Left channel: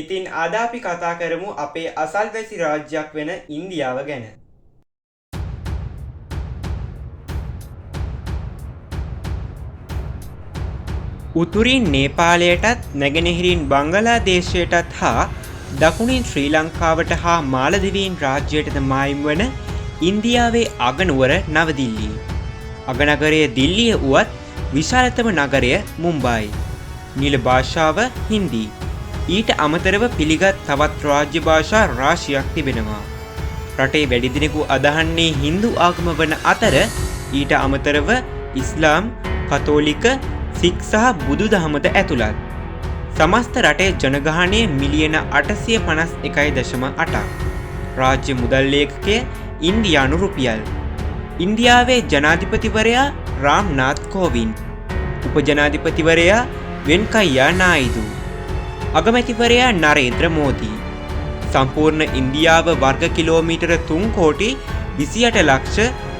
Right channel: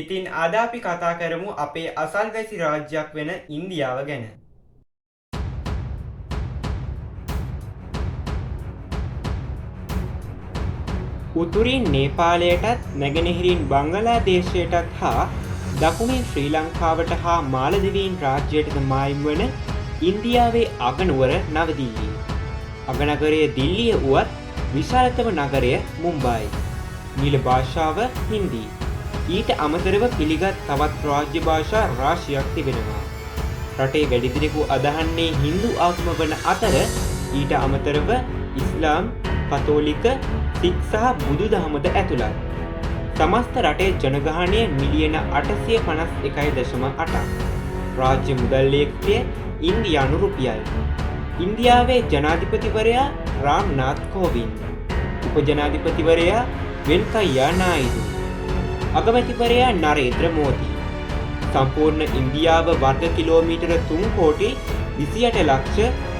ඉතින් අද අපි කතා කරමු අපේ අසල්වැසි රාජ්‍යයක් වෙන ඉන්දියාව ගැන. උතුරින් නේපාලයටත් නැගෙනහිරින් බංගලාදේශයටත් හා දකුණින් ශ්‍රී ලංකාවට හා මාලදිවයින් රාජ්‍යයටද මායිම් වන ඉන්දියාවේ අගනුවර නවදිල්ලි. අගනගරය දිල්ලිය වුවත් විශාලතම නගරය මුම්බායි. නිල භාෂාව හින්දි. ඊට අමතරව පිළිගත් තවත් රාජ්‍ය භාෂා රාශියක් තිබෙනවා. රටේ වැඩි දෙනෙකු අදහන්නේ හින්දු ආගම වන අතර ඊට අමතරව ඉස්ලාම්, කතෝලික, සික් සහ බුදු දහමද ඇතුළත්. සමස්ත රටේ ජනගහනය මිලියන 851.8ක්. රාජ්‍ය මුදල් ලේඛකය ඉන්දියානු රුපියල්. ඉන්දියාවේ ජනාධිපතිවරයා රාම්නාත් කෝවින්ද්. උපජනාධිපතිවරයා වෙන්කයියා නායිදු. අගමැතිවරයා නරේන්ද්‍ර මෝදී. සම්පූර්ණ ඉන්දියාව වර්ග කිලෝමීටර 3 කෝටි 28 ලක්ෂ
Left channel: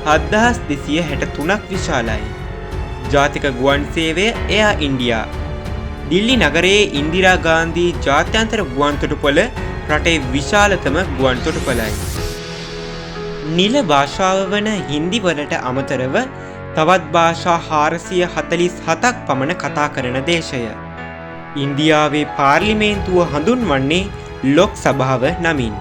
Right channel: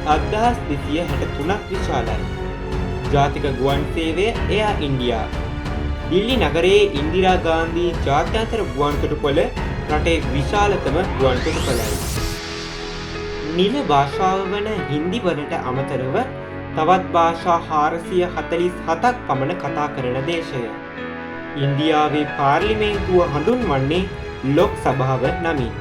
7263ක් විශාලයි. ජාතික ගුවන් සේවය එයා ඉන්දියා. දිල්ලි නගරයේ ඉන්දිරා ගාන්ධී ජාත්‍යන්තර ගුවන් තොටුපොළ රටේ විශාලතම ගුවන් තොටුපළයි. නිල භාෂාව වන හින්දි වලට අමතරව තවත් භාෂා 447ක් පමණ කතා කරන දේශය. ඉන්දියාවේ පාර්ලිමේන්තුව හඳුන්වන්නේ ලොක් සභාව නමින්.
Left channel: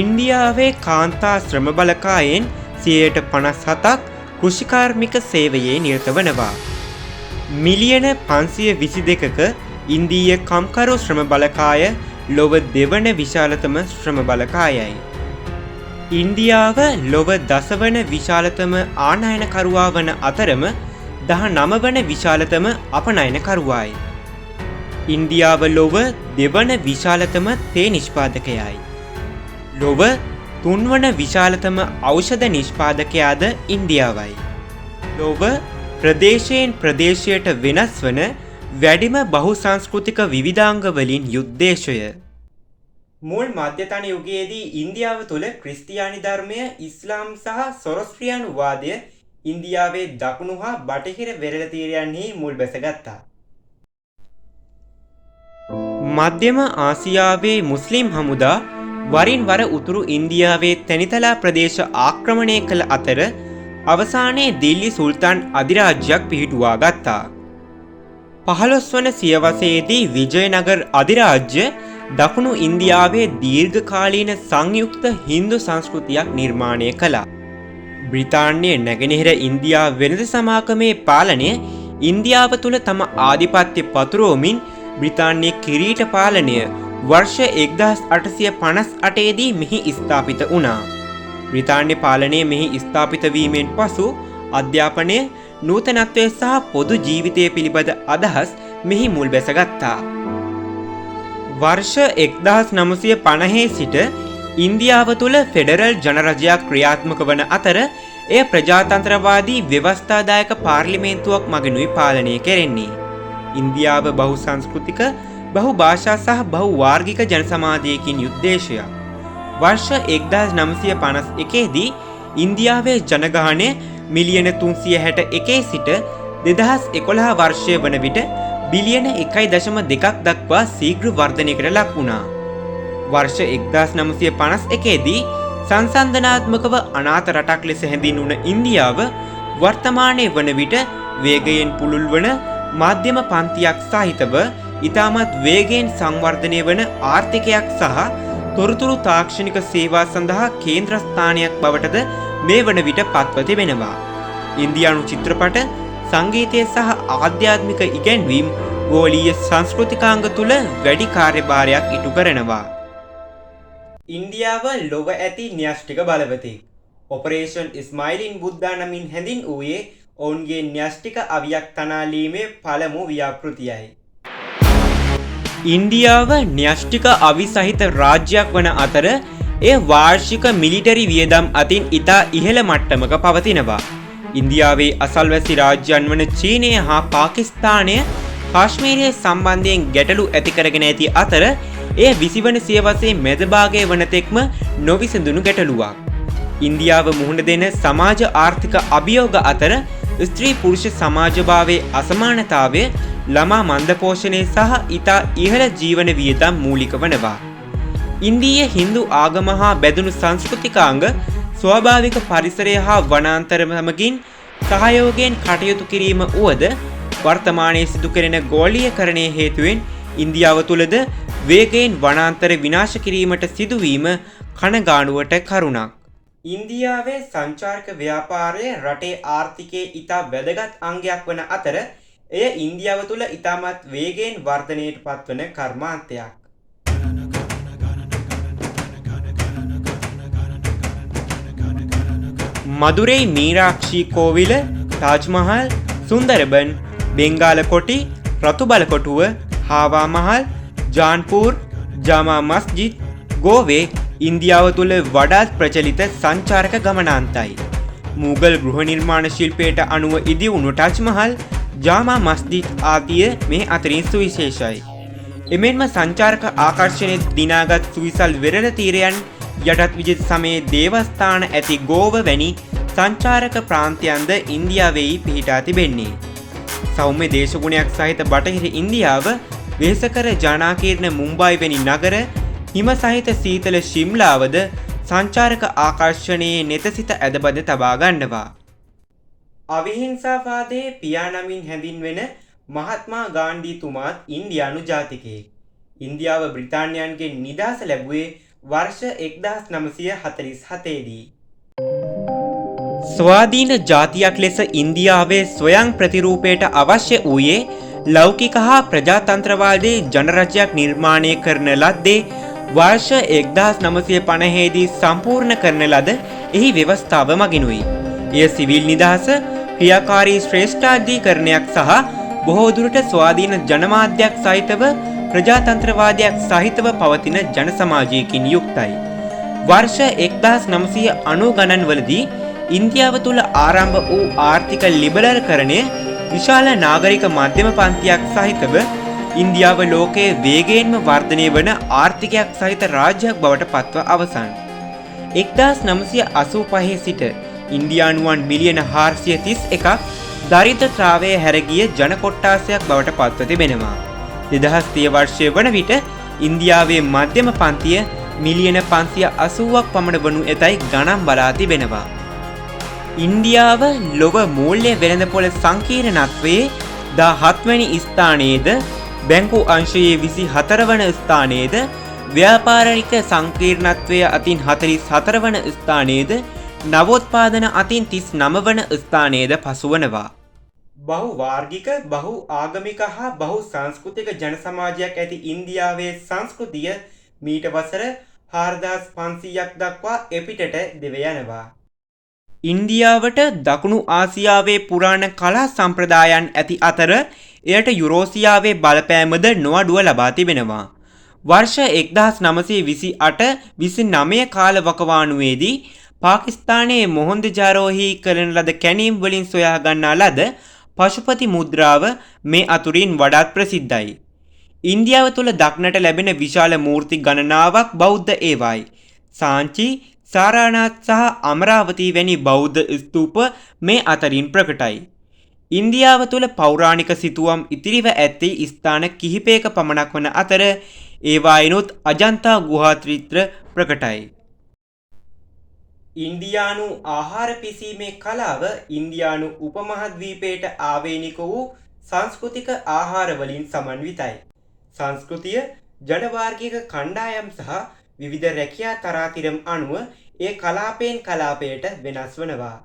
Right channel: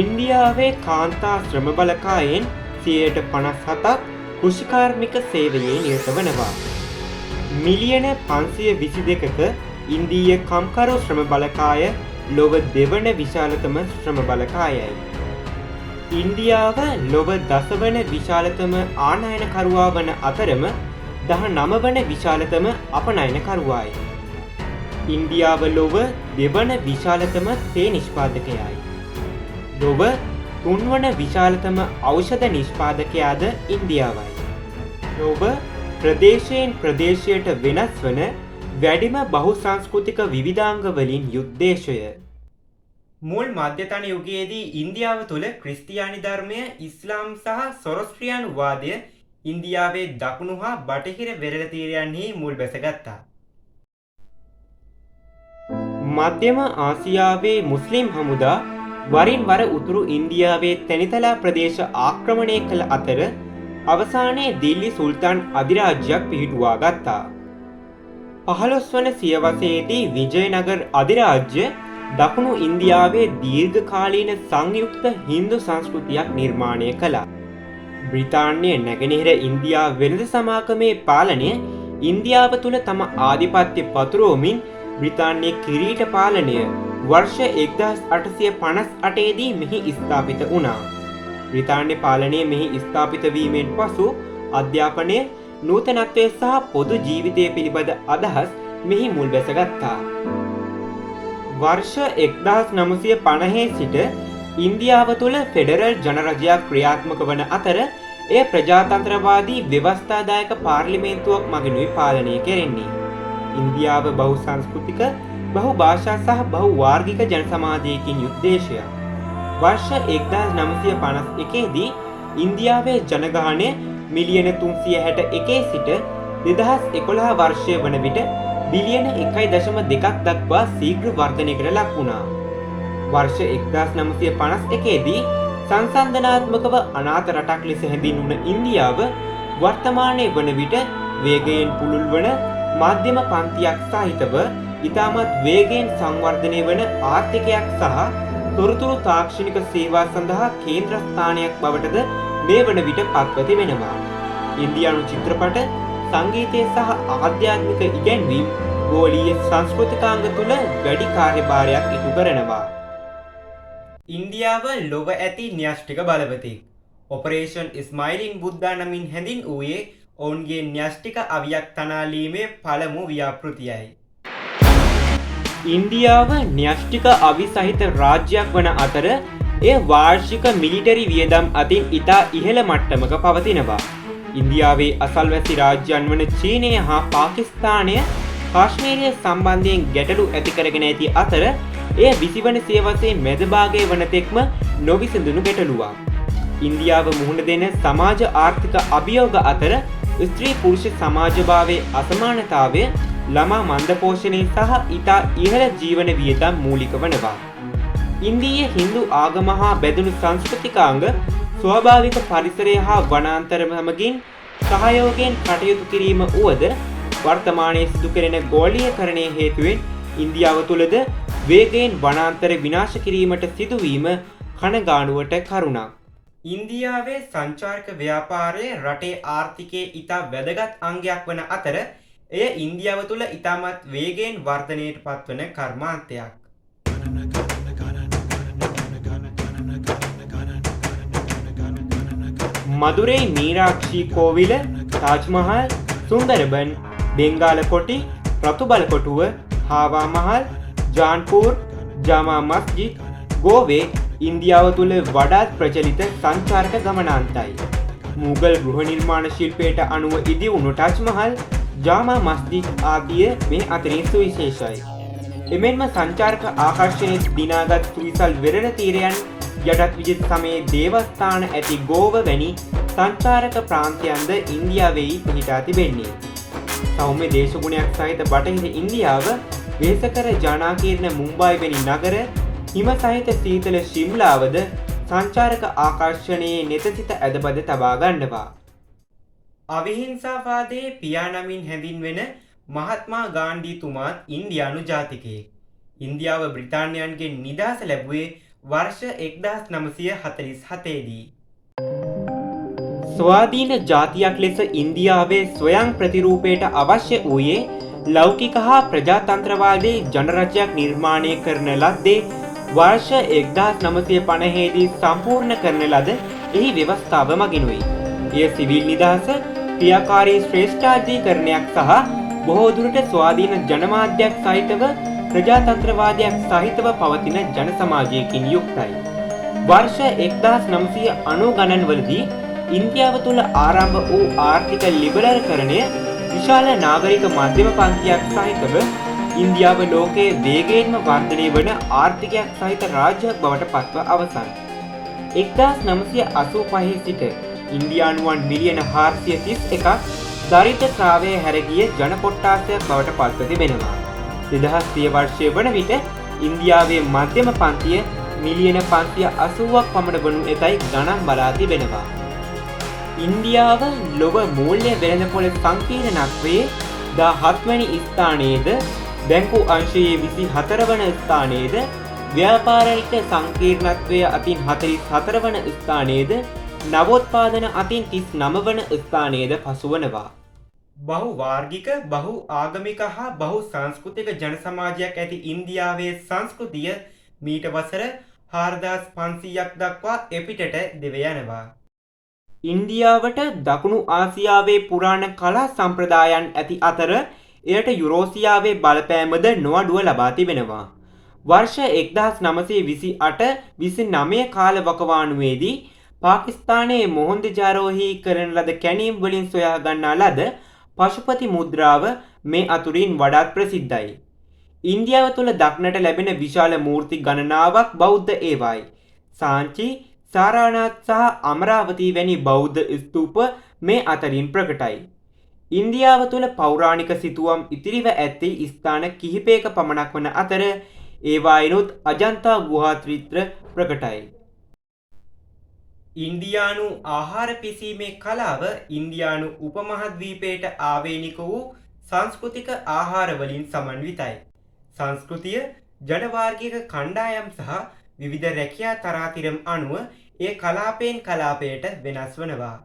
ඉන්දියාවේ කාන්තා ශ්‍රම බලකායෙන් 57%ක් කෘෂිකාර්මික සේවයේ නිරත වනවා. මිලියන 522ක ඉන්දීය කම්කරු ශ්‍රම බලකාය ලොව දෙවන විශාලතම ශ්‍රම බලකායයි. ඉන්දියාව ලොව දසවන විශාලතම ආනයනකරුවා වන අතරම 19 වන විශාලතම අපනයනකරුවායි. ඉන්දියාව ලොව දෙවන විශාලතම තේ නිෂ්පාදකයයි. ලොව තුන්වන විශාලතම ඖෂධ නිෂ්පාදකයාද ඉන්දියාවයි. ලොව ප්‍රදේශයෙන් ප්‍රදේශයට වෙනස් වන වැඩිම බහුසංස්කෘතික විවිධාංග වලින් යුද්දේශය. මුල් මධ්‍යතන යුගයේදී ඉන්දියාව තුළ ක්‍රිස්තියානි ධර්මය, ඉස්ලාම් සහ සොරස්ත්‍රියානු වාදය ඉන්දියාවේ දකුණු හා බටහිර වෙරළ තීරයන්හි මුල් බැසගත්තා. මධ්‍යම ආසියාවේ මුස්ලිම් හමුදා වරින් වර උතුරු ඉන්දියාවේ තැනිතලා ප්‍රදේශ ආක්‍රමණය කළ අතර අවසානයේ දිල්ලි සුල්තාන් අධිරාජ්‍යයක් පිහිටුවා ගත්තා. 15 වන සියවසේදී විජයනගර අධිරාජ්‍ය දකුණු ඉන්දියාවේ දීර්ඝකාලීන සංයුක්ත හින්දු සංස්කෘතියක් නිර්මාණය කළා. බ්‍රිතාන්‍ය නැගෙනහිර ඉන්දියා වෙළඳ සමාගමේ පාලනය ඉන්දියාව තුළ තම ආධිපත්‍ය පතුරවමින් බ්‍රිතාන්‍ය කිරීට පාලනය වර්ෂ 1858 දී මෙහි ස්ථාපිත වුණා. බ්‍රිතාන්‍ය පාලනය මෙහි ස්ථාපිත වීමෙන් පසු අධ්‍යාපනය, නූතනත්වය සහ පොදු ජීවිතය පිළිබඳ අදහස් මෙහි මුල් බැසගත්තා. වර්ෂ 1950 සිට ඉන්දියාව තුළ ෆෙඩරල් ජනරජයක් ක්‍රියාත්මක වන අතර එය ප්‍රජාතන්ත්‍රවාදී ව්‍යවස්ථාදායක පාර්ලිමේන්තුවක් මගිනුයි පාලනය කෙරෙන්නේ. ඉන්දියාව බහු සංස්කෘතික, බහු භාෂා සහ බහු වාර්ගික ජන සමාජයකින් යුද්දේශයක්. වර්ෂ 1951 දී ඉන්දියාවේ ජනගහනය මිලියන 361 සිට 2011 වර්ෂය වන විට බිලියන 1.2ක් දක්වා ශීඝ්‍ර වර්ධනයකට ලක් වුණා. වර්ෂ 1951 දී සංසන්දනාත්මකව අනාථ රටක් ලෙස හැඳින්වුණ ඉන්දියාව වර්තමානයේ වන විට වේගයෙන් පුළුල් වන මධ්‍යම පන්තියක් සහිතව ඉතාමත් වේගයෙන් සංවර්ධනය වන ආර්ථිකයක් සහ තොරතුරු තාක්ෂණික සේවා සඳහා කේන්ද්‍රස්ථානයක් බවටද මේ වන විට පත්ව තිබෙනවා. ඉන්දියානු චිත්‍රපට, සංගීතය සහ ආධ්‍යාත්මික ඉගැන්වීම් ගෝලීය සංස්කෘතිකාංග තුළ වැඩි කාර්යභාරයක් ඉටු කරනවා. ඉන්දියාව ලොව ඇති න්‍යෂ්ටික බලවතෙක්. ඔපරේෂන් ස්මයිලින් බුද්දා නමින් හැඳින්වූයේ ඔවුන්ගේ න්‍යෂ්ටික අවියක් තනාලීමේ පළමු ව්‍යාපෘතියයි. ඉන්දියාව න්‍යෂ්ටික අවි සහිත රාජ්‍යයක් වන අතර එය වාර්ෂික මිලිටරි වියදම් අතින් ඉතා ඉහළ මට්ටමක පවතිනවා. ඉන්දියාවේ අසල්වැසි රාජ්‍යයන් වන චීනය හා පාකිස්තානය කාශ්මීරය සම්බන්ධයෙන් ගැටලු ඇති කරගෙන ඇති අතර එය 20 වන සියවසේ මැදභාගය වන තෙක්ම නොවිසඳුණු ගැටලුවක්. ඉන්දියාව මුහුණ දෙන සමාජ ආර්ථික අභියෝග අතර ස්ත්‍රී පුරුෂ සමාජභාවයේ අසමානතාවය ළමා මන්දපෝෂණය සහ ඉතා ඉහළ ජීවන වියදම් මූලික වනවා. ඉන්දීය හින්දු ආගම හා බැඳුණු සංස්කෘතිකාංග ස්වාභාවික පරිසරය හා වනාන්තර සමගින් සහයෝගයෙන් කටයුතු කිරීම වුවද වර්තමානයේ සිදු කෙරෙන ගෝලීයකරණය හේතුවෙන් ඉන්දියාව තුළද වේගයෙන් වනාන්තර විනාශ කිරීමට සිදුවීම කනගාණුවට කරුණක්. ඉන්දියාවේ සංචාරක ව්‍යාපාරය රටේ ආර්ථිකයේ ඉතා වැදගත් අංගයක් වන අතර එය ඉන්දියාව තුළ ඉතාමත් වේගයෙන් වර්ධනයට පත්වන කර්මාන්තයක්. මදුරයි මීරාක්ෂී කෝවිල, තාජ්මහල්, සුන්දරබන්, බෙන්ගාල කොටි, රතුබල කොටුව, හාවා මහල්, ජාන්පූර්, ජාමා මස්ජිද්, ගෝවේ ඉන්දියාව තුළ වඩාත් ප්‍රචලිත සංචාරක ගමනාන්තයි. මූගල් ගෘහ නිර්මාණ ශිල්පයට අනුව ඉදිවුණු ටජ්මහල්, ජාමා මස්ජිද් ආදිය මේ අතරින් සුවිශේෂයි. එමෙන්ම සංචාරක ආකර්ෂණයේ දිනාගත් සුවිසල් වෙරළ තීරයන් යටත් විජිත සමයේ දේවස්ථාන ඇති ගෝව වැනි සංචාරක ප්‍රාන්තයන්ද ඉන්දියාවෙහි පිහිටා තිබෙන්නේ. සෞම්‍ය දේශගුණයක් සහිත බටහිර ඉන්දියාව, වෙහෙසකර ජනාකීර්ණ මුම්බායි වැනි නගර, හිම සහිත සීතල ශිම්ලාවද සංචාරක ආකර්ෂණයේ නෙතසිත ඇදබද තබා ගන්නවා. අවිහිංසාවාදයේ පියා නමින් හැඳින්වෙන මහත්මා ගාන්ධීතුමාත් ඉන්දියානු ජාතිකයෙක්. ඉන්දියාව බ්‍රිතාන්‍යයන්ගෙන් නිදහස ලැබුවේ වර්ෂ 1947 දී. ස්වාධීන ජාතියක් ලෙස ඉන්දියාවේ ස්වයං ප්‍රතිරූපයට අවශ්‍ය වූයේ ලෞකික හා ප්‍රජාතන්ත්‍රවාදී ජනරජයක් නිර්මාණය කරන ලද්දේ වර්ෂ 1950 දී සම්පූර්ණ කරන ලද එහි ව්‍යවස්ථාව මගිනුයි. එය සිවිල් නිදහස, ක්‍රියාකාරී ශ්‍රේෂ්ඨාධිකරණයක් සහ බොහෝ දුරට ස්වාධීන ජනමාධ්‍යයක් සහිතව ප්‍රජාතන්ත්‍රවාදයක් සහිතව පවතින ජන සමාජයකින් යුක්තයි. වර්ෂ 1990 ගණන්වලදී ඉන්දියාව තුළ ආරම්භ වූ ආර්ථික ලිබරල්කරණය විශාල නාගරික මධ්‍යම පන්තියක් සහිතව ඉන්දියාව ලෝකයේ වේගයෙන්ම වර්ධනය වන ආර්ථිකයක් සහිත රාජ්‍යයක් බවට පත්ව අවසන්. 1985 සිට ඉන්දියානුවන් මිලියන 431ක් දරිද්‍රතාවයේ හැරගිය ජන කොට්ටාසයක් බවට පත්ව තිබෙනවා. 2030 වර්ෂය වන විට ඉන්දියාවේ මධ්‍යම පන්තිය මිලියන 580ක් පමණ වනු ඇතැයි ගණන් බලා තිබෙනවා. ඉන්දියාව ලොව මූල්‍ය වෙළඳපොළ සංකීර්ණත්වයේ 17 වැනි ස්ථානයේද, බැංකු අංශයේ 24 වන ස්ථානයේද, ව්‍යාපාරික සංකීර්ණත්වය අතින් 44 වන ස්ථානයේද, නවෝත්පාදන අතින් 39 වන ස්ථානයේද පසුවනවා. බහු වාර්ගික, බහු ආගමික හා බහු සංස්කෘතික ජන සමාජයක් ඇති ඉන්දියාවේ සංස්කෘතිය මීට වසර 4500ක් දක්වා එපිටට දිව යනවා. ඉන්දියාවට දකුණු ආසියාවේ පුරාණ කලා සම්ප්‍රදායන් ඇති අතර එයට යුරෝසියාවේ බලපෑමද නොඅඩුව ලබා තිබෙනවා. වර්ෂ 1928-29 කාල වකවානුවේදී පාකිස්තානයේ මොහොන්දජාරෝහි කරන ලද කැණීම් වලින් සොයා ගන්නා ලද පශුපති මුද්‍රාව මේ අතුරින් වඩාත් ප්‍රසිද්ධයි. ඉන්දියාව තුළ දක්නට ලැබෙන විශාල මූර්ති ගණනාවක් බෞද්ධ ඒවායි. සාංචි, සාරානාත් සහ අමරාවතී වැනි බෞද්ධ ස්තූප මේ අතරින් ප්‍රකටයි. ඉන්දියාව තුළ පෞරාණික සිතුවම් ඉතිරිව ඇත්තේ ස්ථාන කිහිපයක පමණක් වන අතර ඒවායිනුත් අජන්තා ගුහා චිත්‍ර ප්‍රකටයි. ඉන්දියානු ආහාර පිසීමේ කලාව ඉන්දියානු උපමහද්වීපයට ආවේනික වූ සංස්කෘතික ආහාර වලින් සමන්විතයි. සංස්කෘතිය, ජනවාර්ගික කණ්ඩායම් සහ විවිධ රැකියා තරාතිරම් අනුව ඒ කලාපයෙන් කලාපයට වෙනස් වනවා.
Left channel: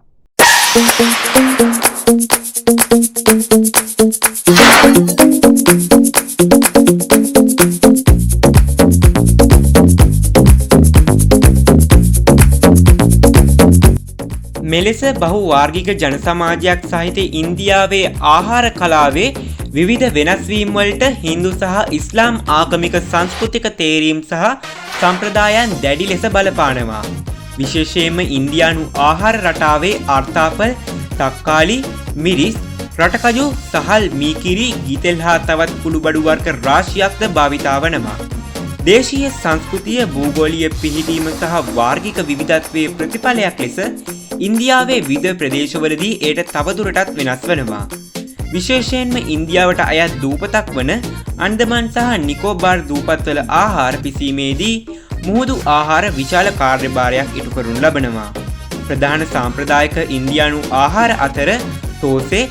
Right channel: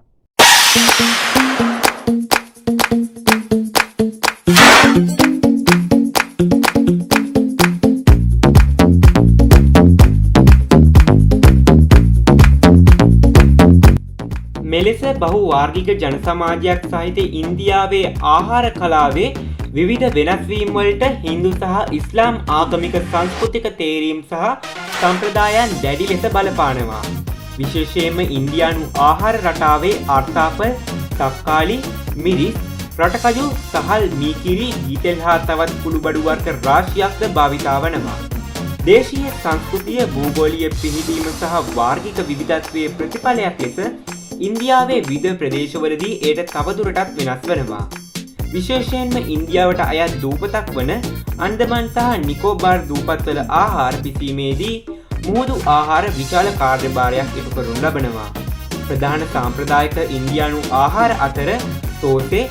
මෙලෙස බහු වාර්ගික ජන සමාජයක් සහිත ඉන්දියාවේ ආහාර කලාවේ විවිධ වෙනස්වීම් වලට හින්දු සහ ඉස්ලාම් ආගමික සංස්කෘතික තේරීම් සහ සම්ප්‍රදායන් දැඩි ලෙස බලපානවා. විශේෂයෙන්ම ඉන්දියානු ආහාර රටාවේ අර්ථාපල්, තක්කාලි, මිරිස්, රටකජු, සහල්, මීකිරි, ගීතෙල් හා තවත් කුළුබඩු වර්ග රාශියක්ද භාවිතා වනවා. දේශීය සංස්කෘතිය, භූගෝලීය පිහිටීම සහ වාර්ගික විවිධත්වයේ ප්‍රතිඵලයක් ලෙස ඉන්දියාවේ විවිධ ප්‍රදේශවලදී එයට තවදුරටත් වෙනස් වෙනවා. විශේෂයෙන්ම ඉන්දියාවට අයත් දූපතක් වන අන්දමන් සහ නිකෝබාර් දූපත්වල ආහාර පිසීමේදී මුහුදු ආහාර විශාල කාර්යභාරයක් ඉටු කරනු ලබනවා. ප්‍රධාන සාම්ප්‍රදායික ඉන්දියානු ආහාර අතර තෝසේ,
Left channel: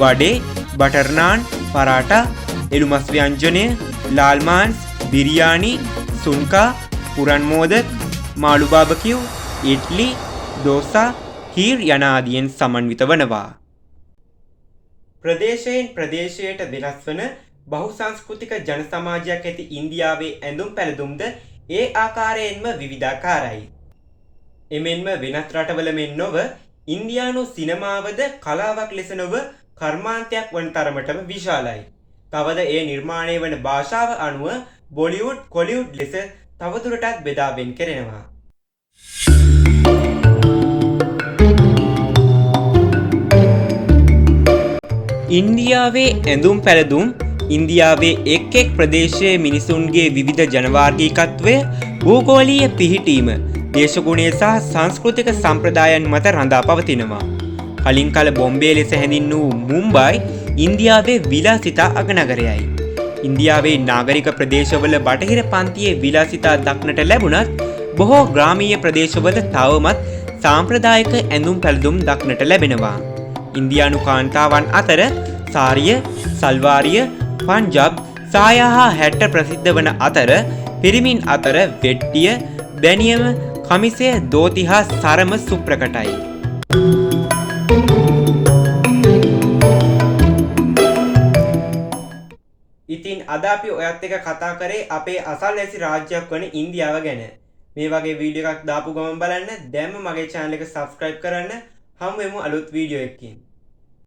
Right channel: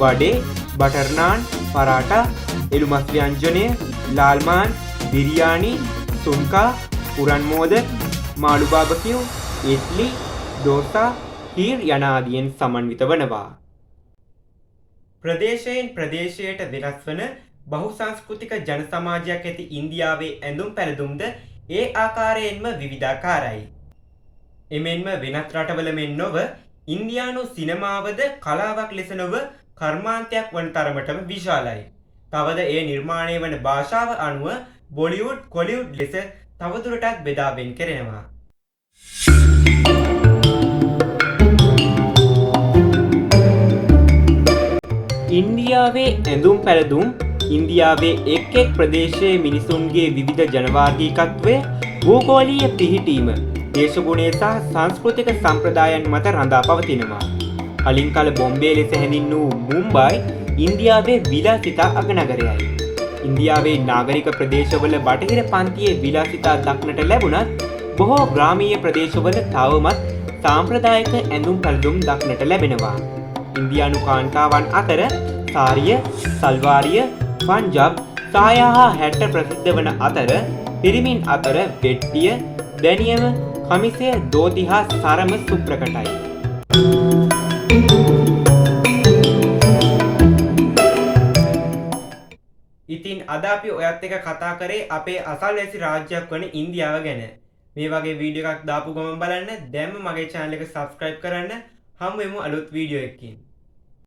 වඩේ, බටර් නාන්, පරාටා, එළුමස් ව්‍යංජනය, ලාල් මාන්ස්, බිරියානි, සුන්කා, පුරන් මෝදක්, මාළු බාබකියු, ඉඩ්ලි, දෝසා, හීර් යන ආදියෙන් සමන්විත වනවා. ප්‍රදේශයෙන් ප්‍රදේශයට වෙනස් වන බහුසංස්කෘතික ජන සමාජයක් ඇති ඉන්දියාවේ ඇඳුම් පැළඳුම්ද ඒ ආකාරයෙන්ම විවිධාකාරයි. එමෙන්ම වෙනත් රටවල මෙන් නොව ඉන්දියානු සිනමාවද කලාවක් ලෙස නොව කර්මාන්තයක් වන තරමටම විශාලයි. තවද එය නිර්මාණය වන භාෂාව අනුව බොලිවුඩ්, කොලිවුඩ් ලෙස තවදුරටත් බෙදා වෙන් කෙරෙනවා. ඉන්දියාවේ ඇඳුම් පැළඳුම් ඉන්දියාවේ එක් එක් ප්‍රදේශයේ මිනිසුන්ගේ විවිධ ජනවාර්ගිකත්වය, භූගෝලීය පිහිටීම, දේශගුණය සහ සංස්කෘතික සම්ප්‍රදායන් මත රඳා පවතිනවා. කලින් කල බොම්බේ ලෙස හැඳින් වූ මුම්බයි ඉන්දියාවේ විලාසිතා අගනගරයයි. ඉන්දියාවේ නාගරික ප්‍රදේශවල බටහිර පන්තියේ විලාසිතා දක්නට ලැබුණත් බොහෝ ග්‍රාමීය ප්‍රදේශවල තවමත් සාම්ප්‍රදායික ඇඳුම් පැළඳුම් දක්නට ලැබෙනවා. ඉන්දියානු කාන්තාවන් අතර සාරිය, සල්වාරිය, පංජාබ්, සායා හා හැට්ට ප්‍රසිද්ධ වන අතර පිරිමින් අතර වෙට්ටිය, බැනියම, කමිසය, දෝති හා සරම සුප්‍රකටයි. ඉතින් අද අපි ඔයත් එක කතා කරේ අපේ අසල්වැසි රාජ්‍යයක් වන ඉන්දියාව ගැන. මේ වගේ වීඩියෝ එකක් දාපු ගමන් බලන්න දැන්ම මගේ channel එක subscribe කරන්න. හමු වෙමු අලුත් වීඩියෝ එකකින්.